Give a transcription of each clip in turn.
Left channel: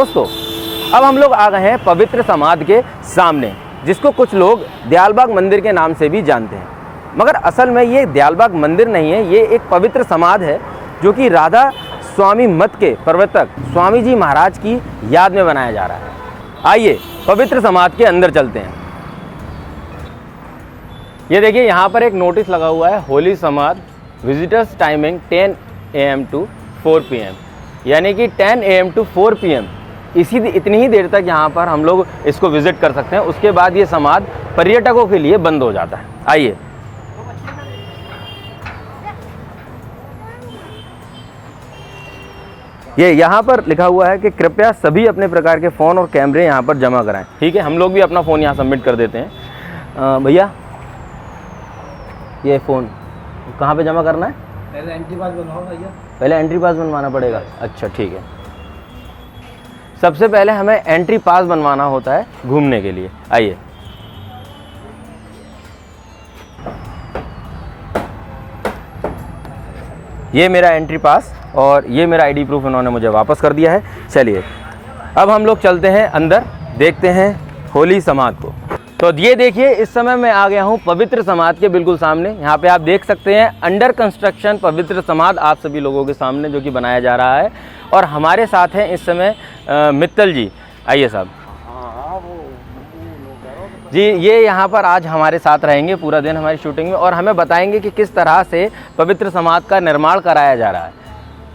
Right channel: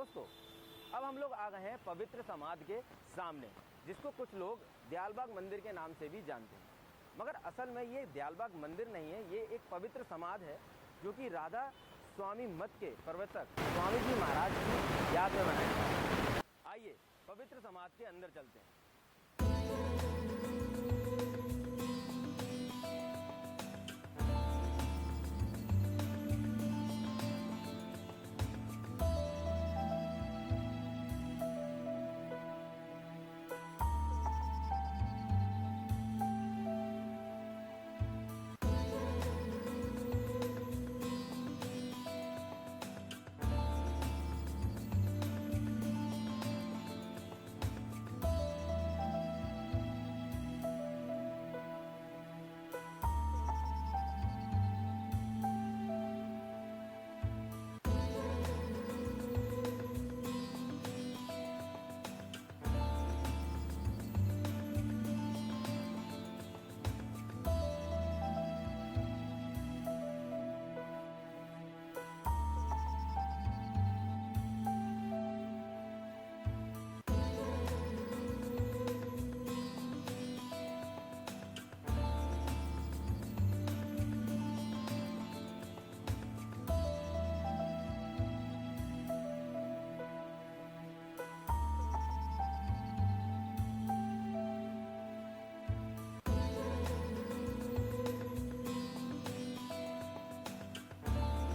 दोस्तों अब हम लोग आ गए हैं पवित्र समाधि के सामने, जिसको कुछ लोग दयालबाग मंदिर के नाम से भी जानते हैं, मगर असल में ये दयालबाग मंदिर नहीं है, ये एक पवित्र समाधि है जो कि राधा स्वामी मत के प्रवर्तक स्वामी जी महाराज की याद में बनाया जा रहा है। आइए पवित्र समाधि के अंदर चलते हैं। ये देखिए यहाँ पर एक नोटिस लगा हुआ है, होली समाधि visitors timing 10 AM to 4 PM, यानी कि 10 AM to 4 PM इतनी ही देर तक यहाँ पर हम लोग इसको विजिट कर सकते हैं। उसके बाद ये समाधि पर्यटकों के लिए बंद हो जाता है। आइए ये यहाँ पर लिखा हुआ है कि कृपया सभी अपने प्रकार के फ़ोन और कैमरे यहाँ पर जमा कराएं। ठीक है, हम लोग भी अपना फ़ोन यहाँ सबमिट कर देते हैं। भैया ये फ़ोन कहाँ पे जमा करना है? पहले एंट्री पास बनवाओ भैया। पहले एंट्री पास बनवाना पड़ेगा। अच्छा ठीक है, सबसे पहले हमें एंट्री पास बनवाना होता है घूमने के लिए। आइए ये मेरा एंट्री पास और ये मेरा आईडी प्रूफ इन्होंने मुझे वापस कर दिया है। चलिए अब हम लोग चलते हैं अंदर, देखते हैं होली समाधि को। तो ये देखिए इस समय मैं आ गया हूँ पवित्र समाधि के बिल्कुल सामने। यहाँ पे आप देख सकते हैं अंडर कंस्ट्रक्शन पवित्र समाधि आप सभी लोगों के सामने जो कि बनाया जा रहा है। और हमारे साथ हैं इस समय मित्तल जी। आइए साहब जी, ये यहाँ पर आज हमारे साथ रहेंगे पूरा दिन हमारी शूटिंग में और हमें बताएंगे कि किस तरह से पवित्र समाधि का निर्माण कराया जा रहा है।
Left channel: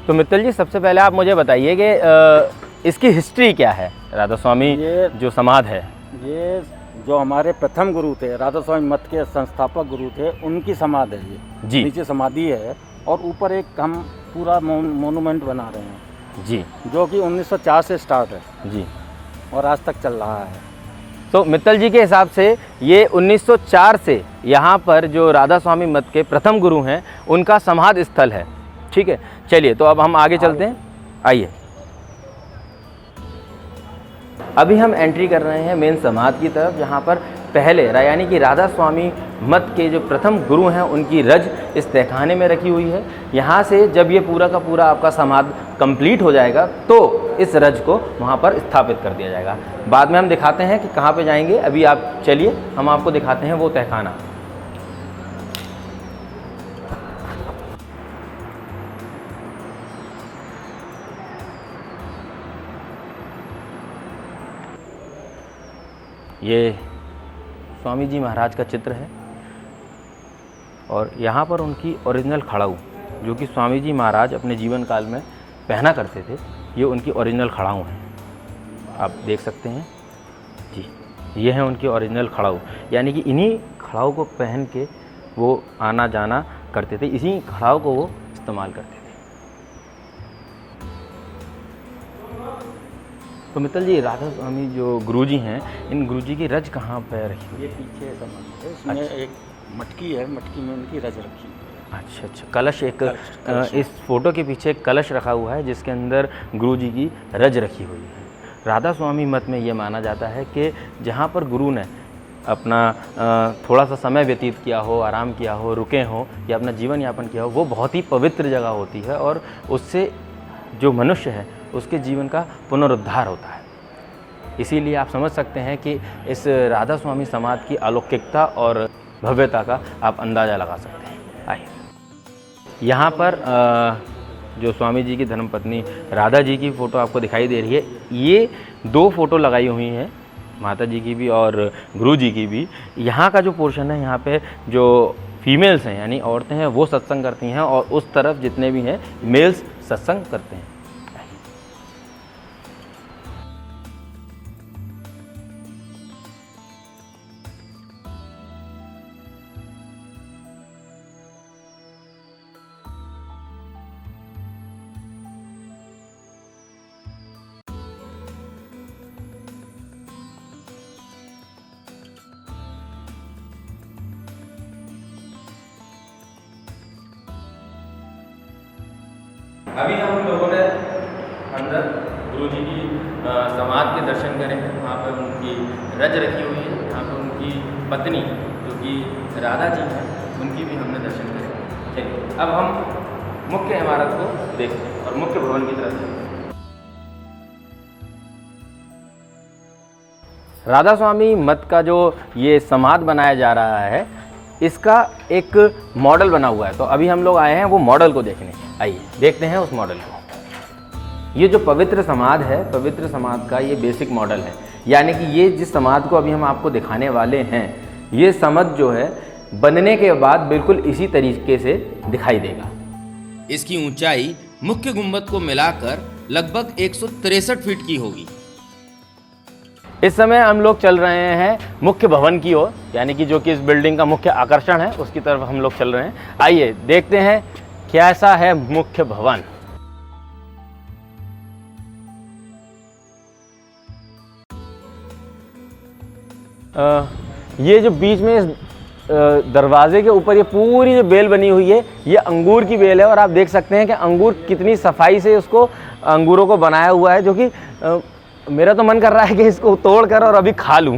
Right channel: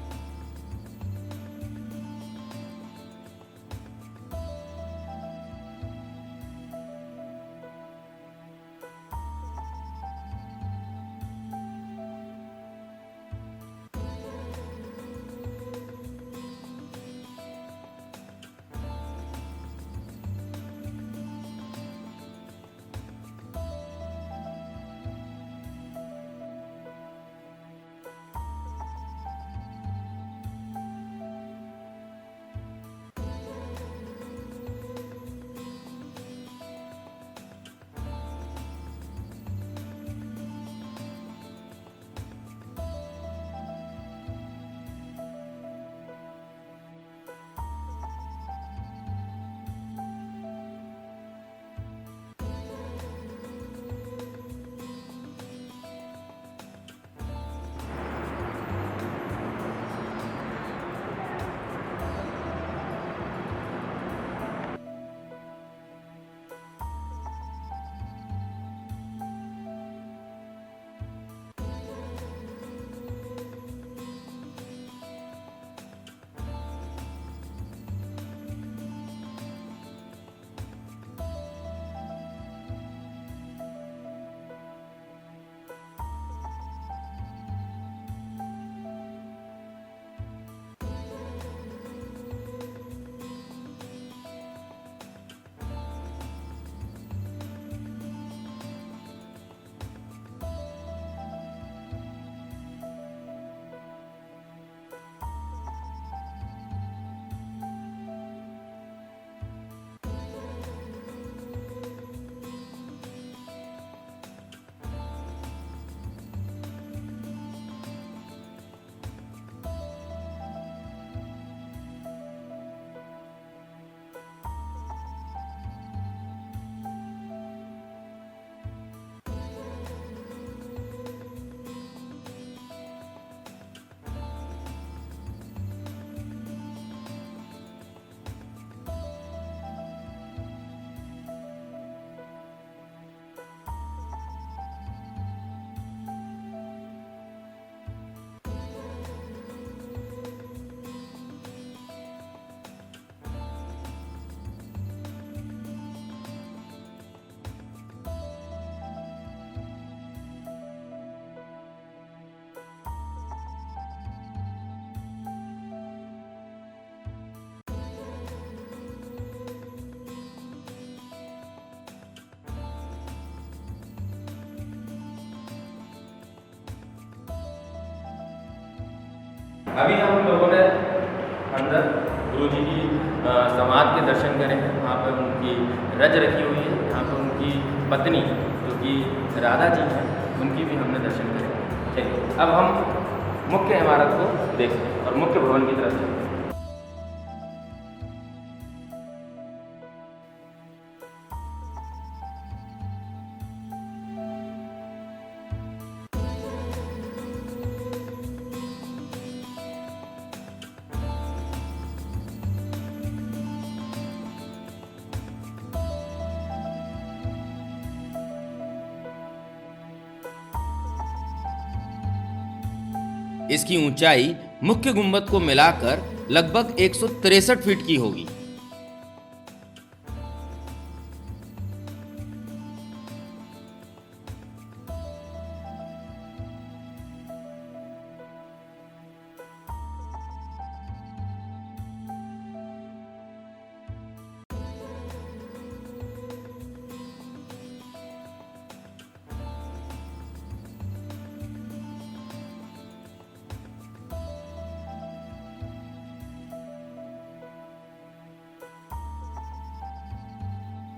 तो मित्तल जी सबसे पहले आप मुझे बताइए कि इसकी हिस्ट्री क्या है? राधा स्वामी ये जो समाधि है, ये जो हमारे प्रथम गुरु थे, राधा स्वामी मत के संस्थापक गुरु थे, उनकी समाधि है ये जी। नीचे समाधि है और ऊपर एक हम पूरा मोनूमेंट बना रहे हैं जी, जो कि 1904 से स्टार्ट है जी, और आज तक चल रहा है। तो मित्तल जी के हिसाब से ये 1904 से यहाँ पर जो राधा स्वामी मत के प्रथम गुरु हैं उनका समाधि स्थल है। ठीक है, चलिए तो अब हम आगे चलते हैं। आइए अभी हम एंट्री कर रहे हैं मेन समाधि की तरफ, जहाँ पर पहले यानी कि राधा स्वामी मत के जो प्रथम गुरु हैं उनकी रज इस तहखाने में रखी हुई है। यहाँ से जब ये पूरा का पूरा आपका समाधि कंप्लीट हो जाएगा तो इस रज को वहाँ पर स्थापित कर दिया जाएगा। बाद में हम दिखाते हैं कि कहाँ पे जाएंगे। अभी आप चलिए हम आपको दिखाते हैं वो तहखाना। ये स्वामी जी महाराज का चित्र है और यहाँ पर उनकी ओरिजिनल खड़ाऊ जो कि स्वामी जी महाराज अपने जीवन काल में पहना करते थे, ये उनकी ओरिजिनल खड़ाऊ हैं। आप देख सकते हैं जी, ये है उनकी ओरिजिनल खड़ाऊ, यानी कि इन्हीं खड़ाऊ को पहन के वो आना जाना करते थे, इसी खड़ाऊ को वो इस्तेमाल करते थे। तो मित्तल जी राधा स्वामी जो गुरुजी हैं, इन गुरुजी की रज कहाँ पर रखी हुई है? ये पीछे समाधि है, इसमें एक मटकी है, मटकी में उनकी रज रखी है। अच्छा अच्छा, कलश एक इस फोटो के पीछे एक कलश रखा हुआ है जिसके अंदर गुरुजी की रज रखी हुई है। राधा स्वामी मत में ये माना जाता है कि जहाँ पर गुरु ने अपना थोड़ा सा समय व्यतीत किया हो, आराम किया हो, रुके हो या अपना जीवन यापन किया हो, वो बहुत ही पवित्र जगह होती है और उससे जो मनुष्य है उसके जीवन का पुनरुद्धार होता है। इसीलिए आप समझ सकते हैं कि इस राधा स्वामी समाधि की अलौकिकता और भव्यता का आप अंदाज़ा लगा सकते हैं। आइए यहाँ पर जो स्वामी जी की धर्मपत्नी राधा जी की फ़ोटो आपको दिखाई दे रही है। ये 2 फ़ोटो लगाई हुई हैं, माता जी की भी और गुरु जी की भी। यहाँ का जो पोर्शन है, यहाँ पे जो फीमेल्स हैं यानी औरतें हैं वो सत्संग करती हैं और उस तरफ जितने भी हैं मेल्स सत्संग करते हैं। अभी हम लोगों ने अंदर गुरु जी की समाधि के दर्शन करे हैं। वहाँ पर उनकी रज रखी हुई है, यहाँ पर उनकी पत्नी जो कि राधा जी हैं उनकी भी हमने दर्शन करे। चलिए अब हम मुख्य इमारत को देखते हैं और मुख्य भवन की तरफ चलते हैं। राधा स्वामी मठ का जो ये समाध बनाया जा रहा है, इसका एक मॉडल बना हुआ है। तो अभी हम लोग आए हैं वो मॉडल को देखने। आइए देखते हैं उस मॉडल को। ये जो पवित्र समाध है, पवित्र समाध का ये बेसिक मॉडल है, यानी कि ये जिस समाध को अभी हम आपको दिखाने वाले हैं, ये समाध जो है बनने के बाद बिल्कुल इसी तरीके से दिखाई देगा। इसकी ऊंचाई मुख्य गुंबद को मिलाकर लगभग 163 फीट की होगी। इस समय हम लोग चल रहे हैं मुख्य भवन की ओर, यानी कि जो कि इस बिल्डिंग का मुख्य आकर्षण है, उसकी तरफ हम लोग चल रहे हैं। आइए देखते हैं कैसा है मुख्य भवन। ये जो बीच में इस दरवाजे के ऊपर ये पूरी जो बेल बनी हुई है, ये अंगूर की बेल है और आप देख सकते हैं कि अंगूर कितनी सफाई से उसको अंगूरों को बनाया हुआ है, जो कि मेरा तो मन कर रहा है कि इसको तोड़ कर और अभी खा लूं।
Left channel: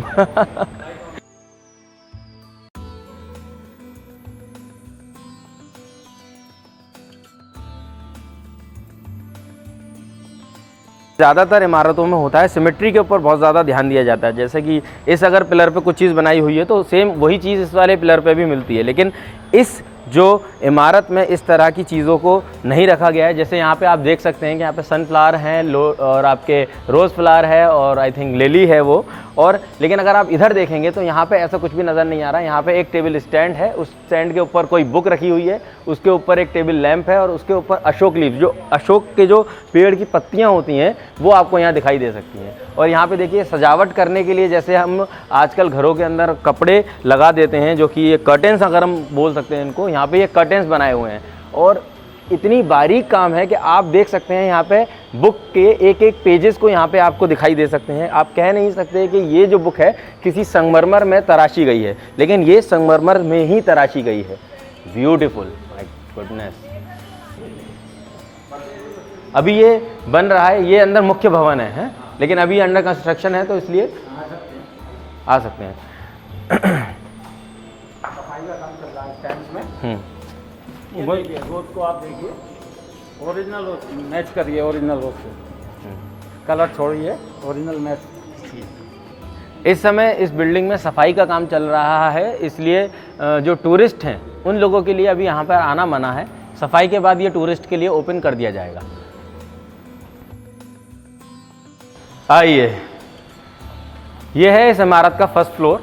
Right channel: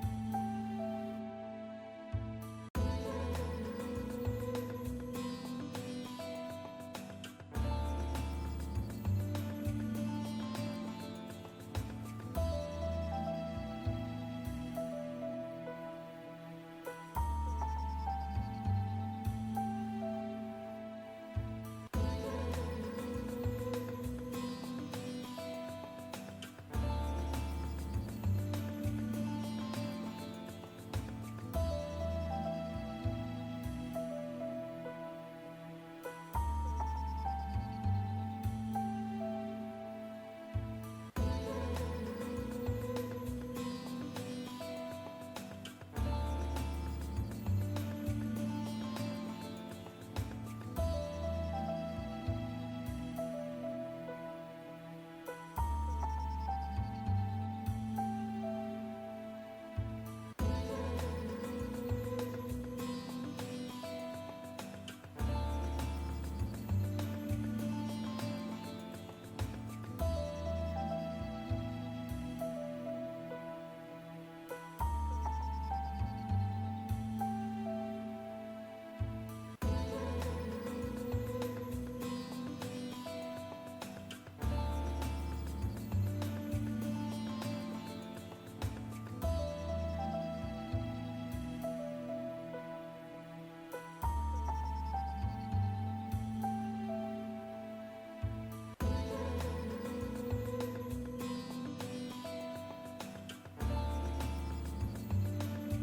ज़्यादातर इमारतों में होता है सिमेट्री के ऊपर बहुत ज़्यादा ध्यान दिया जाता है। जैसे कि इस अगर पिलर पे कुछ चीज़ बनाई हुई है तो सेम वही चीज़ इस वाले पिलर पे भी मिलती है, लेकिन इस जो इमारत में इस तरह की चीज़ों को नहीं रखा गया है। जैसे यहाँ पे आप देख सकते हैं कि यहाँ पे सनफ्लावर हैं और आपके रोज़ फ्लावर है और आई थिंक लिली है वो, और लेकिन अगर आप इधर देखेंगे तो यहाँ पे ऐसा कुछ भी नज़र नहीं आ रहा है। यहाँ पे एक टेबल स्टैंड है, उस स्टैंड के ऊपर कोई बुक रखी हुई है, उसके ऊपर एक टेबल लैंप है और उसके ऊपर अशोक लीफ, जो अशोक के जो पेड़ की पत्तियाँ होती हैं वो आपको यहाँ दिखाई दे सकती हैं। और यहाँ पे देखिए सजावट करने के लिए, जैसे हम आजकल घरों के अंदर कपड़े लगा देते हैं, जो कि ये कर्टेंस अगर हम बोल सकते हैं इनको, यहाँ पे ये कर्टेंस बनाए हुए हैं और इतनी बारीक काम है कि आप देख सकते हैं यहाँ पे बुक के एक एक पेजेस को यहाँ पे आपको दिखाई दे सकते हैं। आप कह नहीं सकते कि ये जो बुक है किसी संगमरमर में तराशी गई है, लेकिन ये संगमरमर में ही तराशी गई है। Beautiful, my goodness. अभी ये बन रहा है, ये अंदर मुख्य भवन है, लेकिन अभी अंडर कंस्ट्रक्शन है, तो इसलिए आ सकते हैं। रोज को आप देखिए, ओरिजिनल मैच करिए, ओरिजिनल रोज से कलर छोड़िए, ओरिजिनल मैच। इस समय इस बिल्डिंग में सफाई का काम चल रहा है, इसलिए जो टूरिस्ट हैं उन लोगों के लिए अभी यहाँ पर आना मना है। सफाई के बाद ये टूरिस्ट के लिए ओपन कर दिया जाएगा। आइए, ये है इस इमारत का फर्स्ट फ्लोर।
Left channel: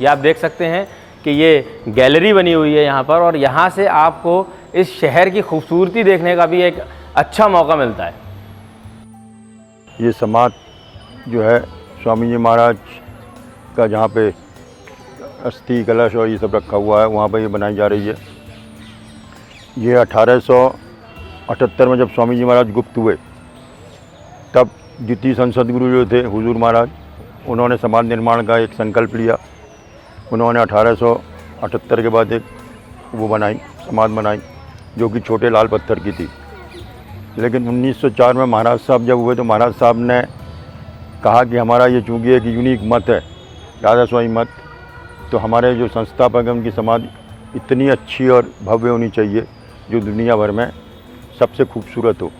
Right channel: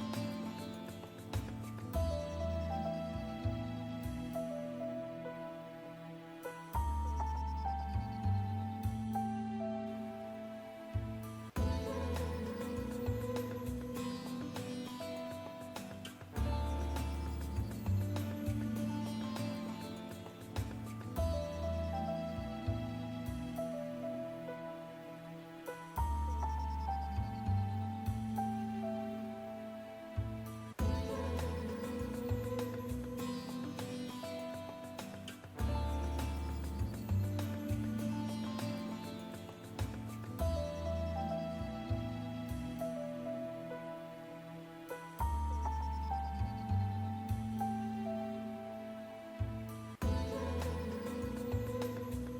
ये आप देख सकते हैं कि ये गैलरी बनी हुई है यहाँ पर, और यहाँ से आपको इस शहर की खूबसूरती देखने का भी एक अच्छा मौका मिलता है। ये समाध जो है स्वामी जी महाराज का, जहाँ पे अस्थि कलश और ये सब रखा हुआ है, वहाँ पर ये बनाई जा रही है। ये 1878 में जब स्वामी जी महाराज गुप्त हुए, तब द्वितीय संसद गुरु जो थे हुजूर महाराज, उन्होंने समाज निर्माण का एक संकल्प लिया। उन्होंने 1878 के बाद एक वो बनाई, समाज बनाई, जो कि छोटे लाल पत्थर की थी। लेकिन 1904 में महाराज साहब जब हुए तो महाराज साहब ने कहा कि हमारा ये चूँकि एक यूनिक मत है, राधा स्वामी मत, तो हमारे जो संस्थापक हैं उनकी समाज इतनी अच्छी और भव्य होनी चाहिए जो दुनिया भर में सबसे खूबसूरत हो।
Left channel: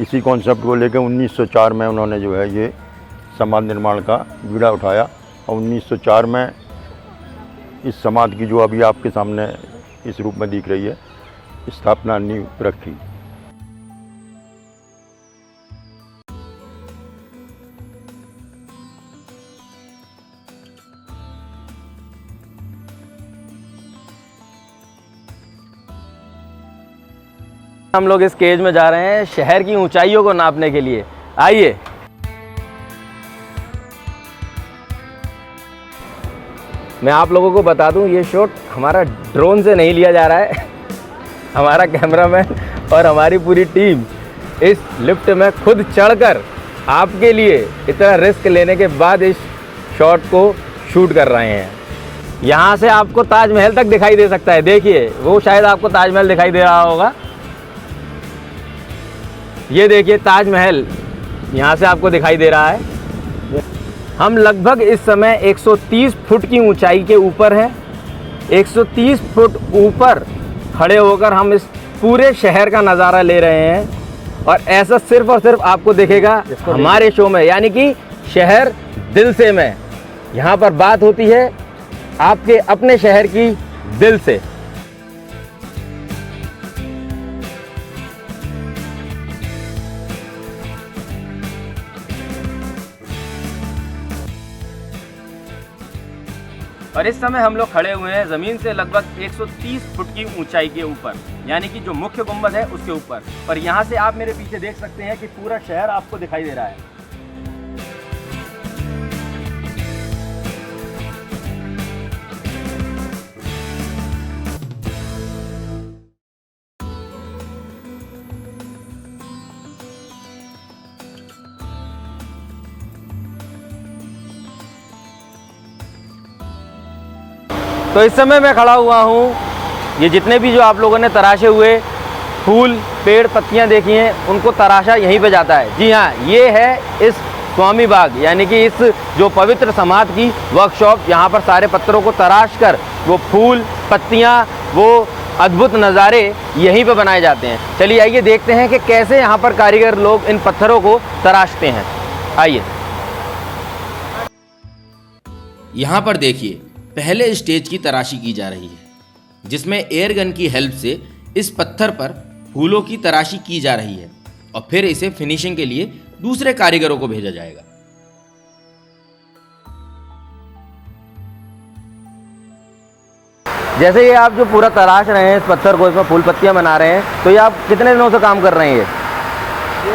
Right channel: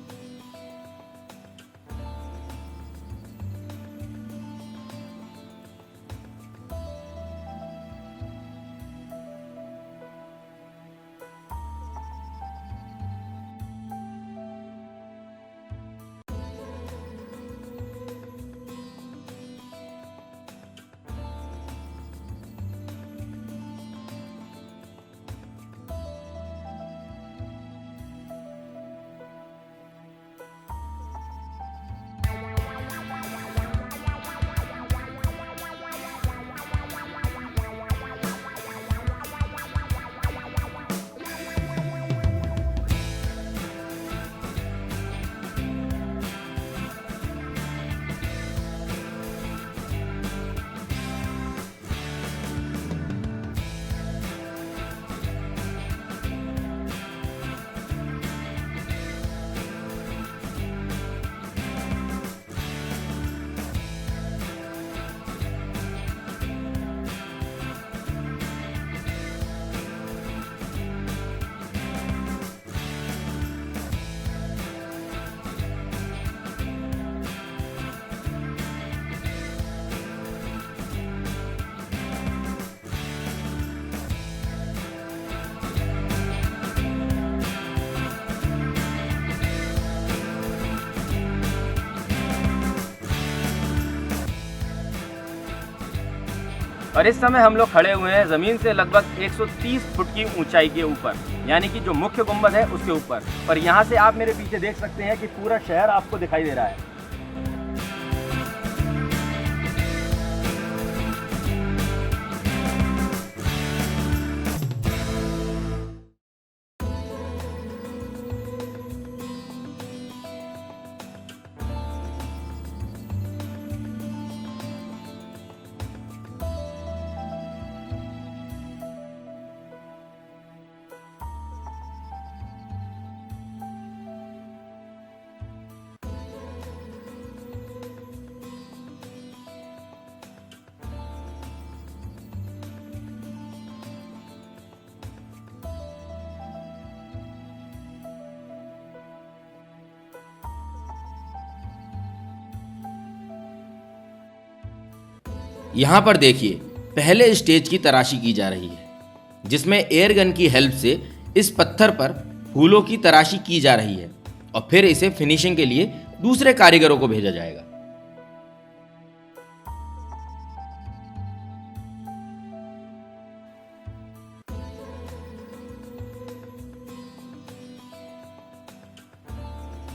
इसी कॉन्सेप्ट को लेकर 1904 में उन्होंने जो है ये समाज निर्माण का बीड़ा उठाया, और 1904 में इस समाज की जो अभी आपके सामने इस रूप में दिख रही है, स्थापना नींव रखी। हम लोग इस केज में जा रहे हैं शहर की ऊंचाइयों को नापने के लिए। आइए, मैं आप लोगों को बता दूं, ये शॉट हमारा ड्रोन से नहीं लिया जा रहा है। हमारा कैमरामैन और हमारी पूरी टीम इस लिफ्ट में खुद चढ़कर आपके लिए इतना रिस्क लेने के बाद इस शॉट को शूट कर रहे हैं। यहाँ से आपको ताजमहल तक दिखाई दे सकता है। देखिए, वो शायद आपको ताजमहल दिखाई दे रहा होगा। ये देखिए ताजमहल यहाँ से आपको दिखाई दे रहा है। हम लगभग इस समय 130 फुट की ऊंचाई के ऊपर हैं। 130 फुट ऊपर खड़े होकर हम इस पूरे शहर का नज़ारा ले रहे हैं, और ऐसा सिर्फ और सिर्फ आपको दिखेगा हमारे शो में, यानी कि शहर दिल से में। यहाँ पर बात होती है आपके अपने शहर की दिल से। और इस समय हम लोग खड़े हुए हैं ज़मीन से लगभग 130 फुट की ऊंचाई के ऊपर, यानी कि जो मुख्य गुंबद है उसके ऊपर। और यहाँ से आप मेरे पीछे देख सकते हैं कि पूरा शहर आपको दिखाई दे रहा है। तो इस समय मैं खड़ा हुआ हूँ, ये जितने भी जो आप लोगों ने तराशे हुए फूल, पेड़, पत्तियाँ देखी हैं, उनको तराशा यहीं पे जाता है। जी हाँ, ये है इस स्वामी बाग, यानी कि इस जो पवित्र समाधि की वर्कशॉप। यहाँ पर सारे पत्थरों को तराश कर वो फूल, पत्तियाँ, वो अद्भुत नज़ारे यहीं पे बनाए जाते हैं। चलिए आइए देखते हैं कि कैसे यहाँ पर कारीगर लोग इन पत्थरों को तराशते हैं। आइए। यहाँ पर देखिए, पहले स्टेज की तराशी की जा रही है, जिसमें एयर गन की हेल्प से इस पत्थर पर फूलों की तराशी की जा रही है और फिर इसे फिनिशिंग के लिए दूसरे कारीगरों को भेजा जाएगा। जैसे ये आप जो पूरा तराश रहे हैं इस पत्थर को, इसमें फूल पत्तियां बना रहे हैं, तो ये आप कितने दिनों से काम कर रहे हैं? ये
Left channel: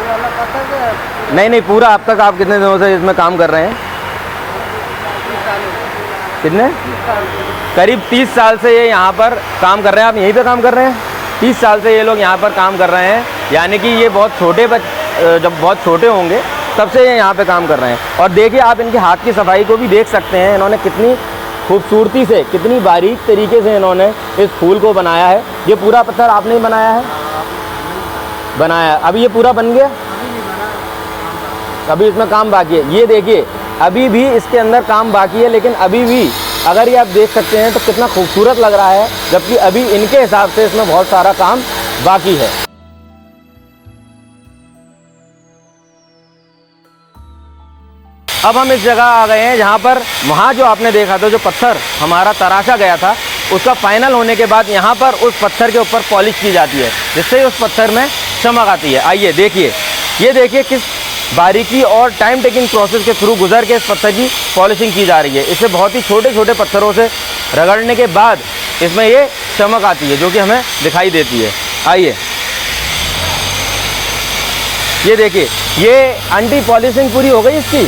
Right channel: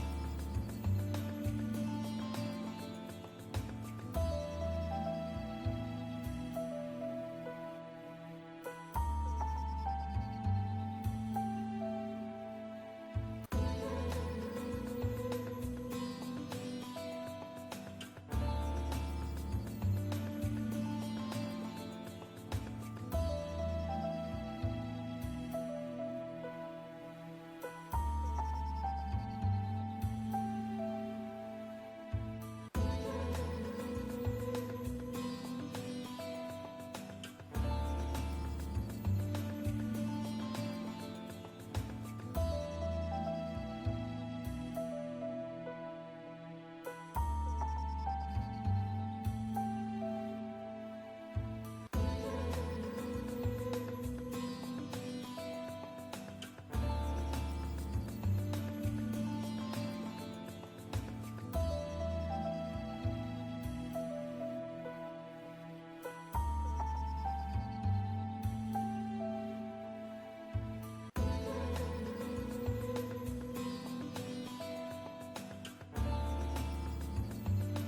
वाला पत्थर नहीं, पूरा अब तक आप कितने दिनों से इसमें काम कर रहे हैं? कितने? करीब 30 साल से ये यहाँ पर काम कर रहे हैं। आप यहीं पे काम कर रहे हैं? 30 साल से ये लोग यहाँ पर काम कर रहे हैं, यानी कि ये बहुत छोटे जब बहुत छोटे होंगे तब से ये यहाँ पे काम कर रहे हैं। और देखिए आप इनके हाथ की सफाई को भी देख सकते हैं, इन्होंने कितनी खूबसूरती से, कितनी बारीक तरीके से इन्होंने इस फूल को बनाया है। ये पूरा पत्थर आपने ही बनाया है? बनाया। अभी ये पूरा बन गया? अभी इसमें काम बाकी है। ये देखिए अभी भी इसके अंदर काम बाकी है, लेकिन अभी भी अगर ये आप देख सकते हैं तो कितना खूबसूरत लग रहा है, जबकि अभी इनके हिसाब से इसमें बहुत सारा काम बाकी है। अब हम इस जगह आ गए हैं जहाँ पर वहाँ जो आपने देखा था, जो पत्थर हमारा तराशा गया था, उसका फाइनल होने के बाद यहाँ पर उस पत्थर के ऊपर पॉलिश की जाती है, जिससे उस पत्थर में चमक आती है। आइए देखिए, ये देखिए किस बारीकी और टाइम टेकिंग प्रोसेस के थ्रू गुजर के इस पत्थर की पॉलिशिंग की जा रही है। इसे बहुत ही छोटे छोटे पत्थरों से रगड़ने के बाद इसमें ये चमक आती है, जो कि हमें दिखाई देती है। आइए ये देखिए, ये एंटी पॉलिशिंग पूरी हो गई इसकी।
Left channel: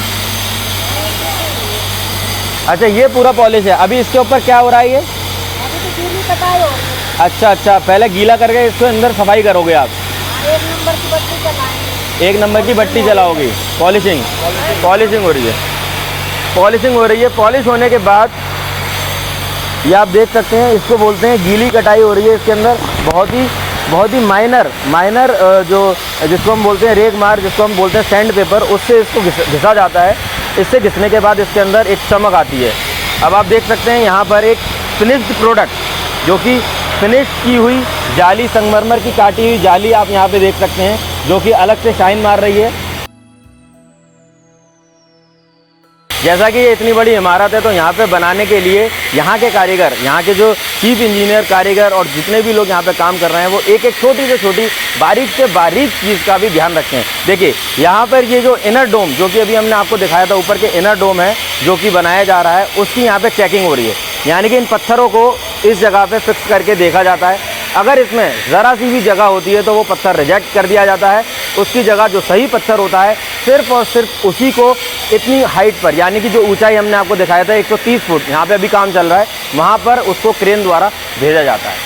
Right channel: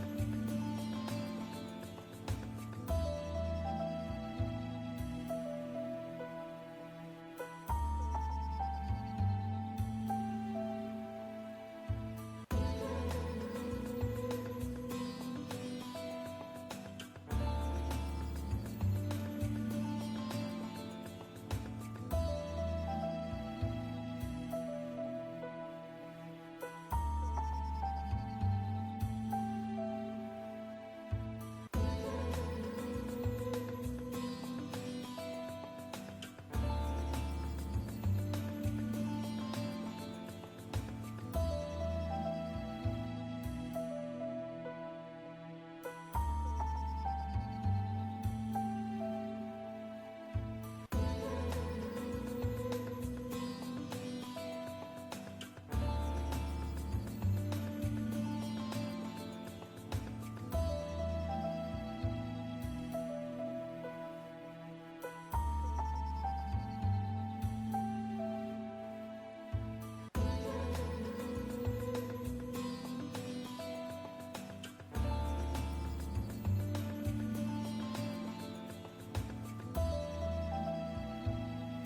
अच्छा, ये पूरा पॉलिश है। अभी इसके ऊपर क्या हो रहा है? ये अभी तो गीली कटाई हो रही है। अच्छा, पहले गीला करके इसको अंदर सफाई करोगे आप? 1 नंबर की बत्ती चलाएंगे। 1 नंबर की बत्ती जलाओगी। पॉलिशिंग हो रही है। पॉलिशिंग हो रही है। पॉलिश होने के बाद ये आप देख सकते हैं, इसको बोलते हैं गीली कटाई हो रही है। इसके अंदर बहुत ही माइनर जो जिसको हम बोलते हैं रेग मार, जिसको हम बोलते हैं सैंड पेपर, उससे इसको घिसा जाता है। इससे घिसने के बाद इसके अंदर एक चमक आती है। अब आप देख सकते हैं यहाँ पर एक फिनिश्ड प्रोडक्ट, जो कि फिनिश की हुई जाली, संगमरमर की काटी हुई जाली आप यहाँ पे देख सकते हैं, जो कि अलग से शाइन मार रही है। जैसा कि ये इतनी बड़ी इमारत है, तो यहाँ पे बनाने के लिए यहाँ के कारीगर, यहाँ के जो चीफ इंजीनियर कारीगर और जितने भी लोग यहाँ पे काम कर रहे हैं, वो एक एक छोटी से छोटी, बारीक से बारीक चीज़ का भी ध्यान रखते हैं। देखिए यहाँ पर ये जो इनर डोम, जो कि अभी हमने आपको दिखाया था, ऊपर के इनर डोम है जो कि बनाया जा रहा है, उसकी यहाँ पर चेकिंग हो रही है। यानी कि इन पत्थरों को इस जगह पर फिक्स करके देखा जाता है। अगर इसमें ज़रा सी भी जगह होती है तो वो पत्थर रिजेक्ट कर दिया जाता है। उसकी जगह जो सही पत्थर होता है, सिर्फ और सिर्फ उसी को इतनी हाइट पर, यानी कि जो ऊंचाई हमने आपको दिखाया था 130 फुट, यहाँ पे अभी काम चल रहा है, वहाँ पर उसको क्रेन द्वारा भेजा जाता है।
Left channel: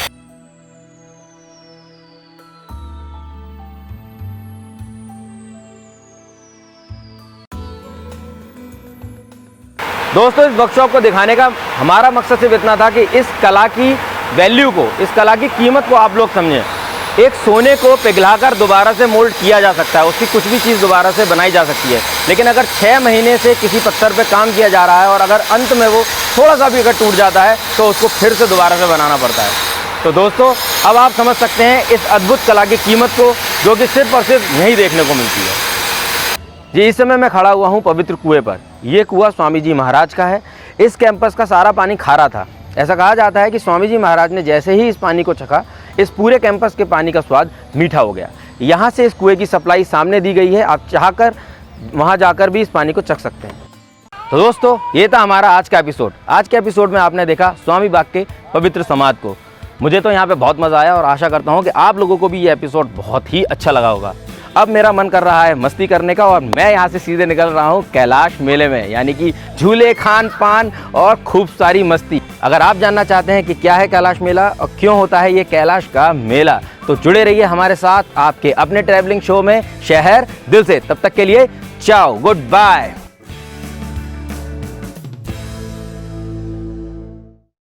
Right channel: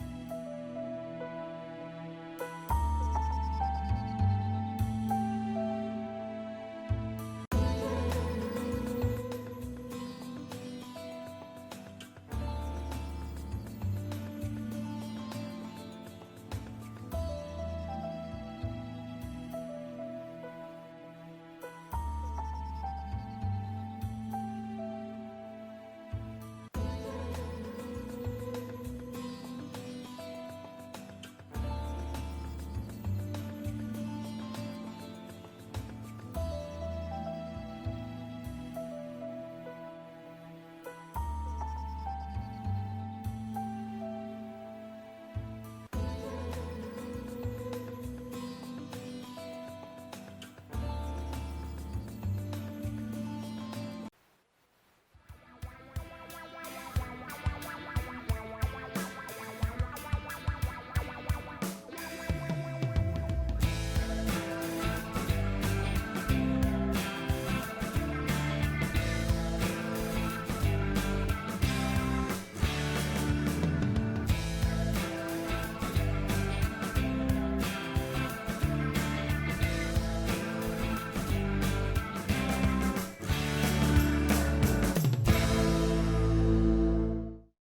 दोस्तों, इस वर्कशॉप को दिखाने का हमारा मकसद सिर्फ इतना था कि इस कला की वैल्यू को, इस कला की कीमत को आप लोग समझें। एक सोने को पिघलाकर दोबारा से मोल्ड किया जा सकता है, उसकी कुछ भी चीज़ दोबारा से बनाई जा सकती है, लेकिन अगर 6 महीने से किसी पत्थर पे काम किया जा रहा है और अगर अंत में वो थोड़ा सा भी अगर टूट जाता है तो उसको फिर से दोबारा से बनाना पड़ता है। तो दोस्तों, अब आप समझ सकते हैं इस अद्भुत कला की कीमत को, जो कि सिर्फ और सिर्फ यहीं देखने को मिलती है। जी इस समय मैं खड़ा हुआ हूँ पवित्र कुएं पर। ये कुआं स्वामी जी महाराज का है। इस कैंपस का सारा पानी खारा था। ऐसा कहा जाता है कि स्वामी जी महाराज ने जैसे ही इस पानी को चखा, इस पूरे कैंपस के पानी का स्वाद मीठा हो गया। यहाँ से इस कुएं की सप्लाई सामने दी गई है, आप चाहकर वहाँ जाकर भी इस पानी को चख सकते हैं। तो दोस्तों, ये था हमारा आज का एपिसोड। आज के एपिसोड में आपने देखा स्वामी बाग के पवित्र समाधि को। मुझे तो यहाँ पे बहुत मज़ा आया और आशा करता हूँ कि आप लोगों को भी ये एपिसोड बहुत ही अच्छा लगा होगा। अब मेरा मन कर रहा है मस्ती करने का और मैं यहाँ से सीधे निकल रहा हूँ कैलाश मेले में, यानी कि झूले, खान पान और खूब सारी मस्ती। अगर आप जानना चाहते हैं कि क्या है कैलाश मेला और क्यों होता है ये कैलाश का मेला, तो जुड़े रहिए हमारे साथ आपके अपने ट्रैवलिंग शो में शहर दिल से। तब तक के लिए चाओ, गुड बाय।